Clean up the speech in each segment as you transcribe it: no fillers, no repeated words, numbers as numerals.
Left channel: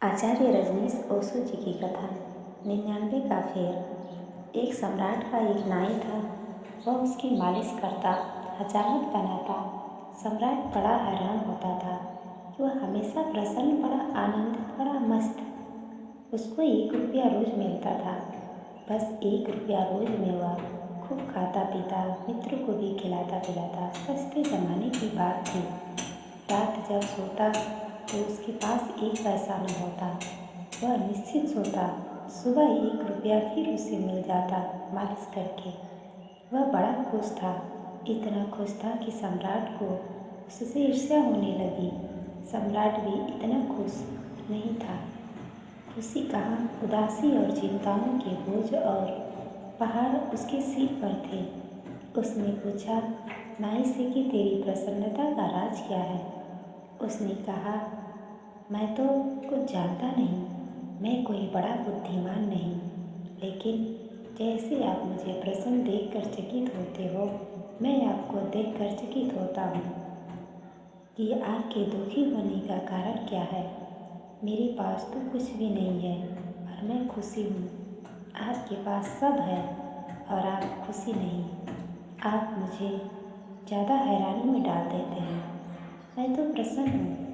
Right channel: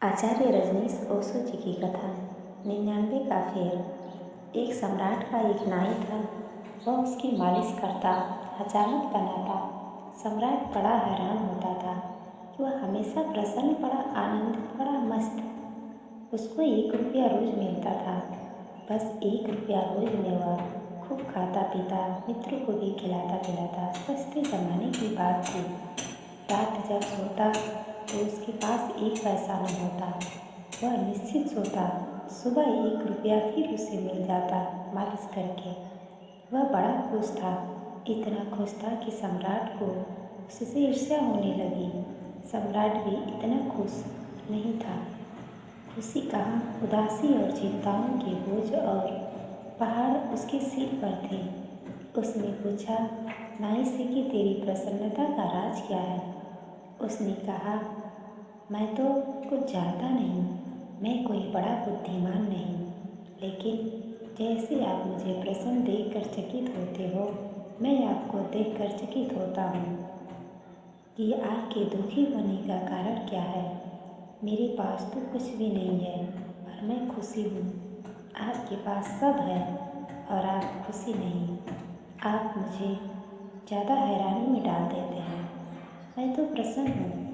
आचार्य रजनीश ओशो जी की कथन 99 का फेर। एक सम्राट का एक नाई था। वह उसकी मालिश करता, हजामत बनाता। सम्राट बड़ा हैरान होता था कि वह हमेशा प्रसन्न, बड़ा आनंदित, बड़ा मस्त। उसको 1 रुपया रोज मिलता था। बस 1 रुपया रोज में वह खूब खाता पीता, मित्रों को भी खिलाता पिलाता। सस्ते ज़माने की बात थी। रात जब सोता तो उसके पास 1 पैसा न होता। वह निश्चित सोता, सुबह 1 रुपया फिर उसे मिल जाता मालिश करके। वह बड़ा खुश था, इतना खुश था कि सम्राट को उससे ईर्ष्या होने लगी। सम्राट भी इतना खुश नहीं था। खुशी कहाँ, उदासी और चिंताओं के बोझ और पहाड़ उसके सिर पर थे। उसने पूछा नाई से कि तेरी प्रसन्नता का राज क्या है। उसने कहा, मैं तो कुछ जानता नहीं, मैं कोई बड़ा बुद्धिमान नहीं, लेकिन जैसे आप मुझे प्रसन्न देखकर चकित होते हो, मैं आपको देखकर चकित होता हूँ कि आपके दुखी होने का कारण क्या है। मेरे पास तो कुछ भी नहीं है और मैं खुशी हूँ। आपके पास सब है और आप खुशी नहीं। आप मुझे ज़्यादा हैरानी में डाल देते हैं। मैं तो प्रसन्न हूँ,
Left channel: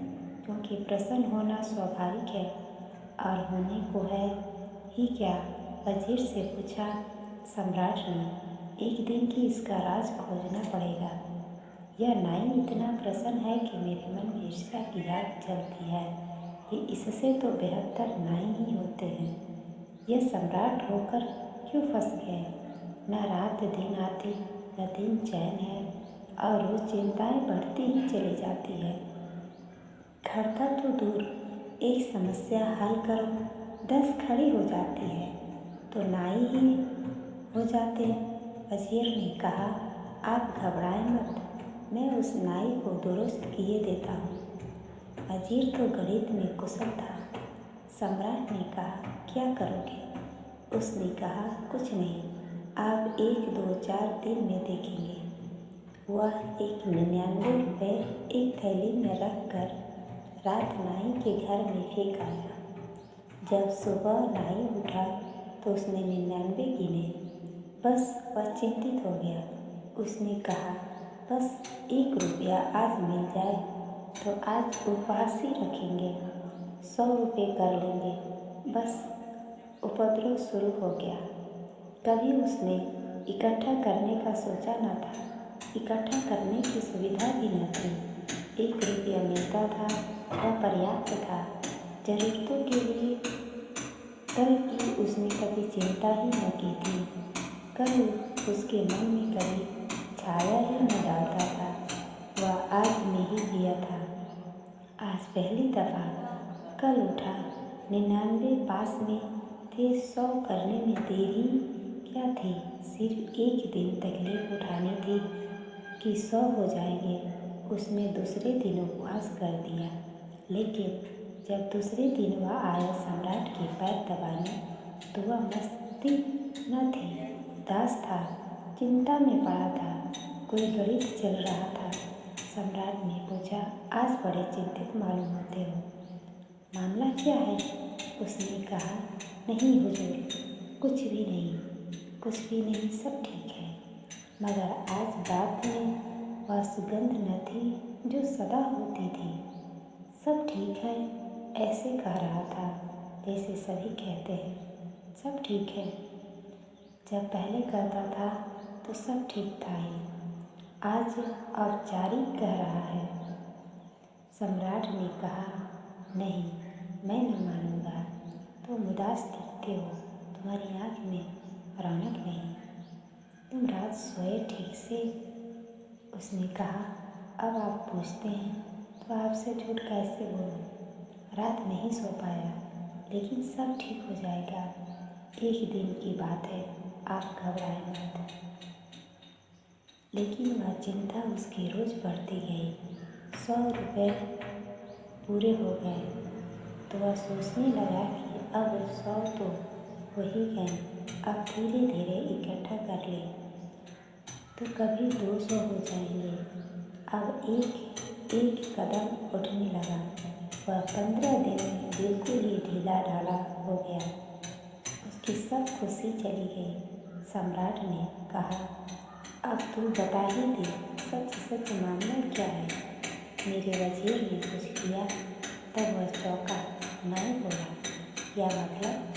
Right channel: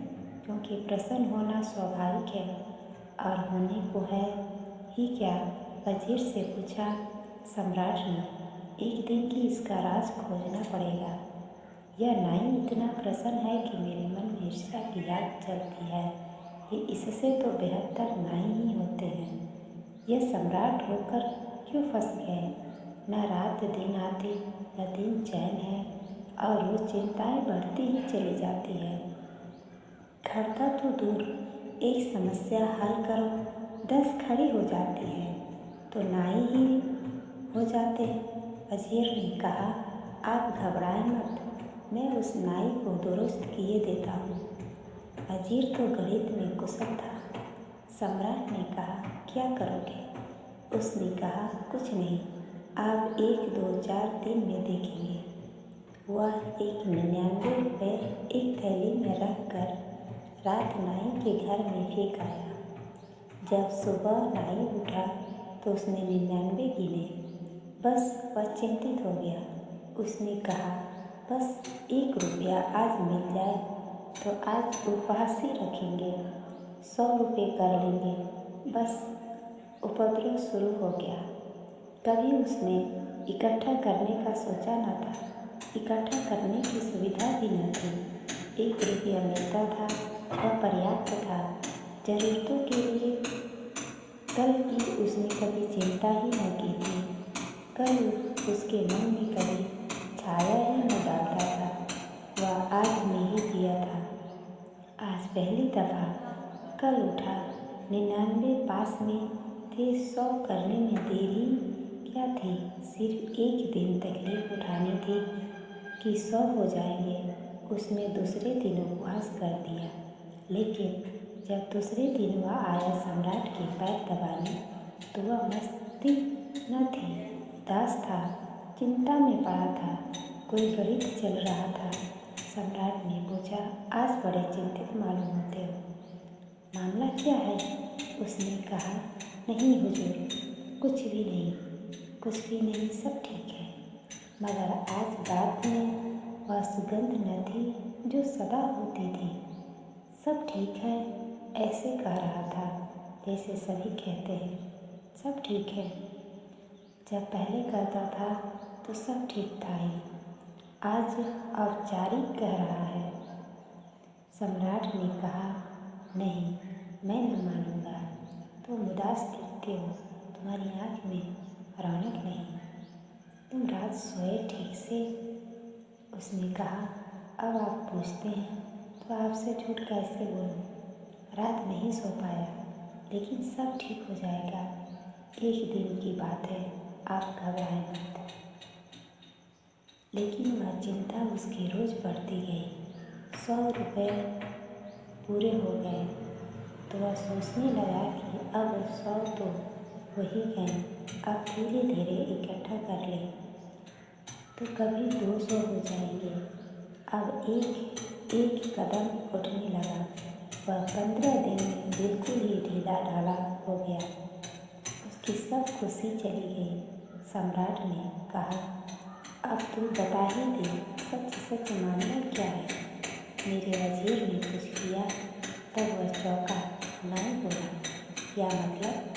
क्योंकि प्रसन्न होना स्वाभाविक है और होने को है ही क्या। वजीर से पूछा सम्राट ने, एक दिन की इसका राज खोजना पड़ेगा। यह नाई इतना प्रसन्न है कि मेरे मन में ईर्ष्या की आग जलती है कि इससे तो बेहतर नाई ही होते हैं। यह सम्राट होकर क्यों फंस गए। न रात दिन आती, न दिन चैन है और रोज चिंताएं बढ़ती ही चली जाती है। खड़ता तो दूर, एक समस्या हल करो 10 खड़ी हो जाती है, तो नाई ही हो जाते। वजीर ने कहा, आप घबराएं मत, मैं उस नाई को दुरुस्त किए देता हूँ। वजीर तो गणित में कुशल था। सम्राट ने कहा, क्या करोगे। उसने कहा, कुछ नहीं, आप 1 2 4 दिन में देखेंगे। वह 99 रुपये एक थैली में रख कर रात नाई के घर में फेंक आया। जब सुबह नाई उठा तो उसने 99 गिने। बस वह चिंतित हो गया। उसने कहा, बस 1 रुपया आज मिल जाए तो आज उपवास ही रखेंगे, 100 रुपये कर लेंगे। बस उपद्रव शुरू हो गया। कभी उसने इकट्ठा करने का सोचा न था। इकट्ठा करने की सुविधा भी न थी। 1 रुपया मिलता था, वह पर्याप्त था। ज़रूरतों के लिए कल की उसने कभी चिंता ही न की थी। कल उसके मन में कभी छाया ही न डालता था। वह आज में ही जिया था। आज पहली दफ़ा कल उठा। 99 पास में थे, 100 करने में देरी क्या थी। सिर्फ 1 दिन तकलीफ उठानी थी कि 100 हो जाएंगे। उसने दूसरे दिन उपवास कर दिया, लेकिन जब दूसरे दिन वह आया सम्राट के पैर दबाने, तो वह मस्ती न थी, उदास था, चिंता में पड़ा था। कोई गणित चल रहा था। सम्राट ने पूछा, आज बड़े चिंतित मालूम होते हो, मामला क्या है। उसने कहा, नहीं हुजूर, कुछ भी नहीं, कुछ भी नहीं, सब ठीक है। मगर आज बात में वह सुगंध न थी जो सदा होती थी। सब ठीक है, ऐसे कह रहा था जैसे सभी कहते हैं, सब ठीक है। जब पहले कहता था तो सब ठीक था ही, आज औपचारिक कह रहा है। सम्राट ने कहा, नहीं, मैं न मानूंगा। तुम उदास दिखते हो, तुम्हारी आँख में रौनक नहीं, तुम रात सोए ठीक से। उसने कहा, अब आप पूछते हैं तो आपसे झूठ कैसे बोलूं। रात नहीं सो पाया, लेकिन सब ठीक हो जाएगा। 1 दिन की बात है, आप घबराएं मत। लेकिन वह चिंता उसकी रोज़ बढ़ती गई। 100 रुपये पूरे हो गए तो वह सोचने लगा कि अब 100 तो हो ही गए, अब धीरे धीरे इकट्ठा कर ले तो कभी 200 हो जाएंगे। अब एक एक कदम उठने लगा। वह 15 दिन में बिल्कुल ही ढीला ढाला हो गया। उसकी सब खुशी चली गई। सम्राट ने कहा, अब तू बता ही दे, सच सच मामला क्या है। मेरे वजीर ने कुछ किया। तब वह चौंका। नहीं बोला। क्या मतलब?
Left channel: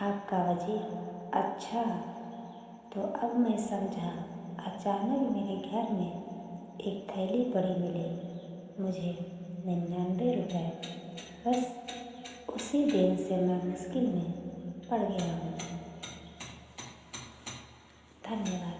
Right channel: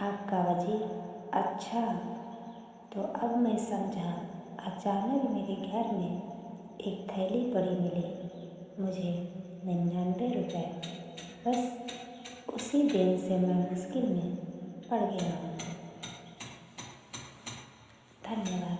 आपका वजीर? अच्छा, तो अब मैं समझा। अचानक मेरे घर में एक थैली पड़ी मिली। मुझे 99 रुपये। बस उसी दिन से मैं मुश्किल में पड़ गया हूँ। धन्यवाद।